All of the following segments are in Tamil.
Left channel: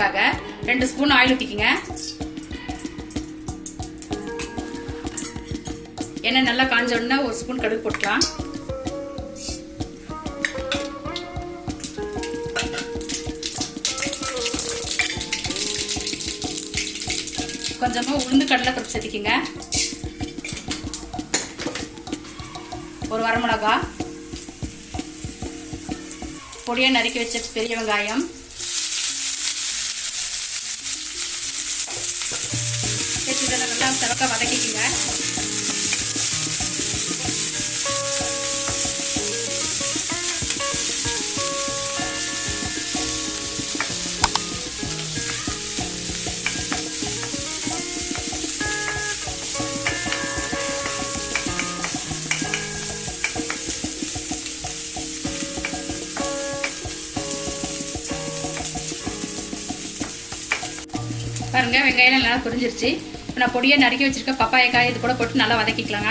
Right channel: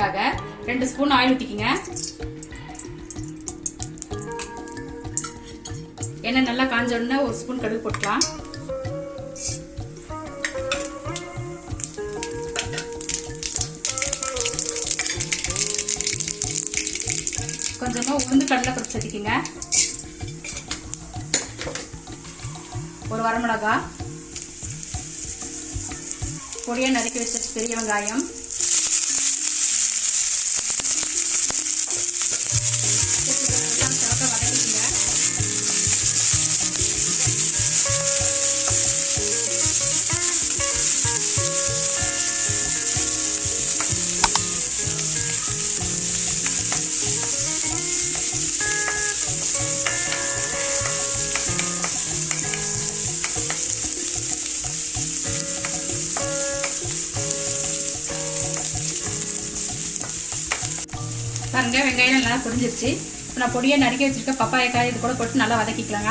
செய்யறதுக்காக 2 ஸ்பூன் ஆயில் ஊத்திக்கங்க. எண்ணெய் நல்லா காஞ்ச உடனே 1 ஸ்பூன் கடுகு போட்டுக்கலாம். கொஞ்சமா உளுந்து கடலை பருப்பு சேர்த்திக்கங்க. ஒரு வரமிளகாய், பொடியா நறுக்கி வச்ச பெரிய வெங்காயம், நல்லா சிறக்க வதக்கிக்கங்க. பாருங்க வெங்காயம் நல்லா பொரிஞ்சிருச்சு. இப்போ நான் பொடியை நறுக்கி வச்சிருக்க பப்பாயக்காய் இது கூட போட்டு நல்லா வதக்கிக்கலாங்க.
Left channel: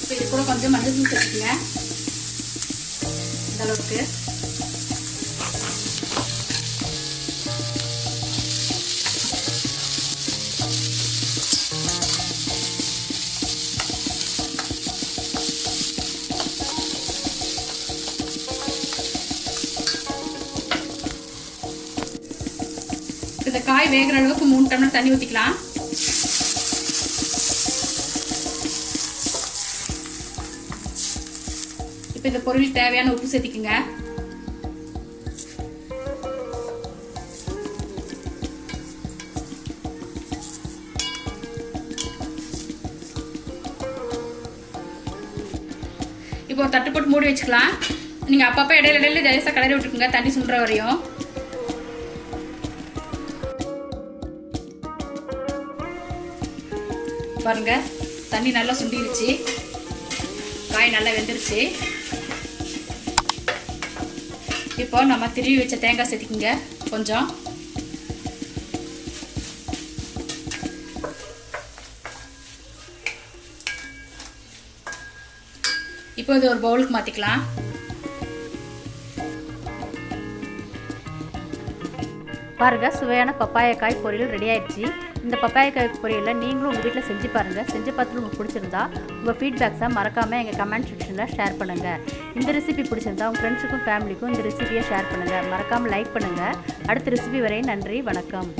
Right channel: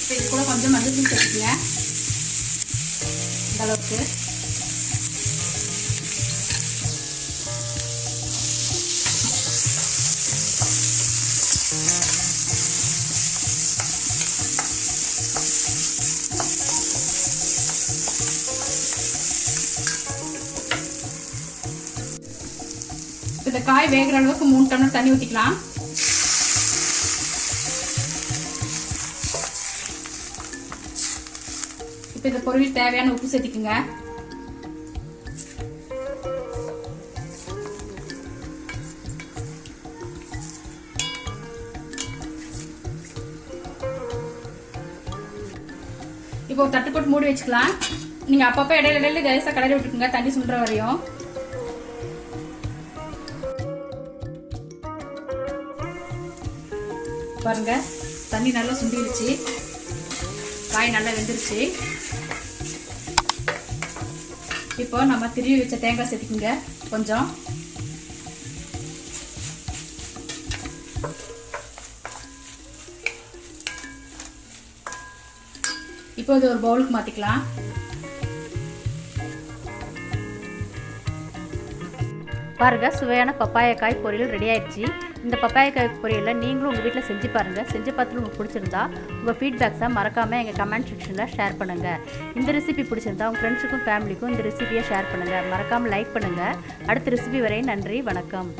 இப்போ இது கூட கொஞ்சம் மஞ்சள் தூள் சேர்த்துக்கங்க. இந்த அளவுக்கு இந்த காய் வேகிற அளவுக்கு 3 டம்ளர் தண்ணி ஊற்றிக்கலாம். இப்போ இந்த பொருள் தேவையான உப்பு சேர்த்திக்குங்க. இப்போ ஒரு தட்டு போட்டு மூடி வச்சுக்கலாம். நீங்க அப்பப்போ இடையில லேசா கிளறி விட்டுக்குங்க தண்ணி சுண்டுற வரையும். பாருங்க தண்ணி நல்லா சுண்டிருச்சு, காய் நல்லா வெந்துருச்சு. இப்போ நம்ம திருவி வச்ச தேங்காய் சேர்த்துக்குங்க கொஞ்சம். இப்போ இது ஒரு பவுலுக்கு மாத்திக்கலாம். பாருங்க சுவையான பப்பாயக்காய் பொரியல் ரெடி ஆயிடுச்சு. இந்த பப்பாயக்காய் பொரியலை நீங்களும் உங்கள் வீட்டில் செஞ்சு பாருங்கள். செஞ்சு பார்த்துட்டு உங்களுக்கு பிடிச்சிருந்தா உங்கள் ஃபீட்பேக்ஸை மறக்காமல் எங்கள் கமெண்ட் செக்ஷனில் ஷேர் பண்ணுங்கள். இந்த ரெசிபி பிடிச்சிருந்தா உங்கள் ஃப்ரெண்ட்ஸுக்கும் ஃபேமிலிக்கும் இந்த ரெசிபியை ஷேர் பண்ணுங்கள். மறக்காமல் லைக் பண்ணுங்கள். அடுத்த ரெசிபி வரை நன்றி, வணக்கம்.